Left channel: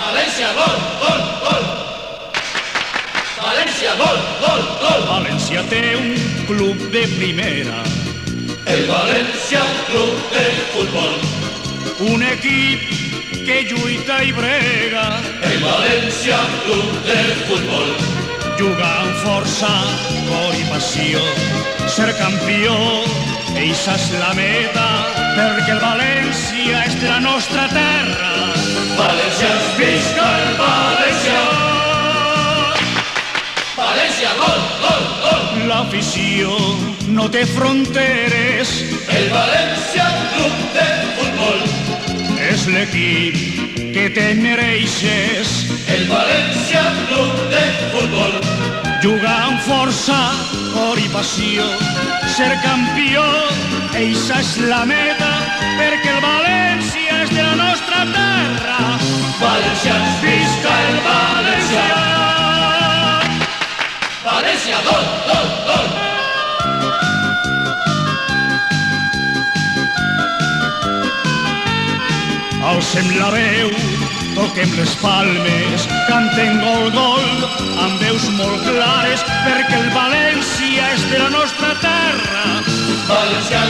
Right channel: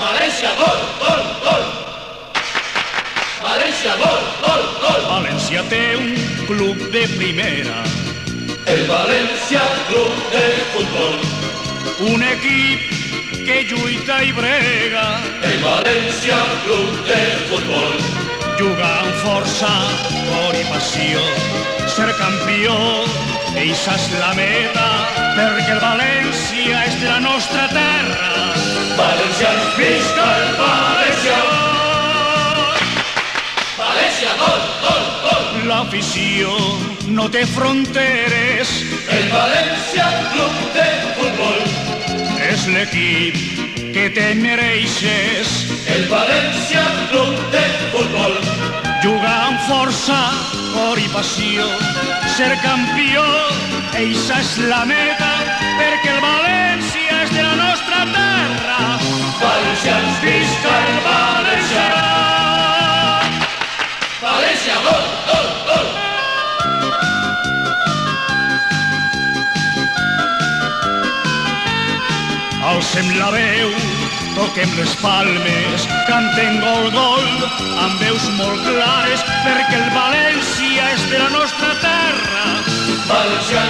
València, gol, gol, gol. València, gol, gol, gol. València té un club de primera. El València Club de Futbol. Un equip que lluita i brega. El València Club de Futbol. Juga amb força, cor i passió. Ser campió, eixa és la meta, perquè el València és de la nostra terra. Valencians, visca el València. València, gol, gol, gol. L'afició no té fronteres. El València Club de Futbol. És l'equip que te mereixes. El València Club de Futbol. Jugar amb força, cor i passió. Ser campió, eixa és la meta, perquè el València és de la nostra terra. Valencians, visca el València. València, gol, gol, gol. Alcem la veu, toquem les palmes, cantem gol, gol, amb veus molt clares, perquè el València és de la nostra terra. València,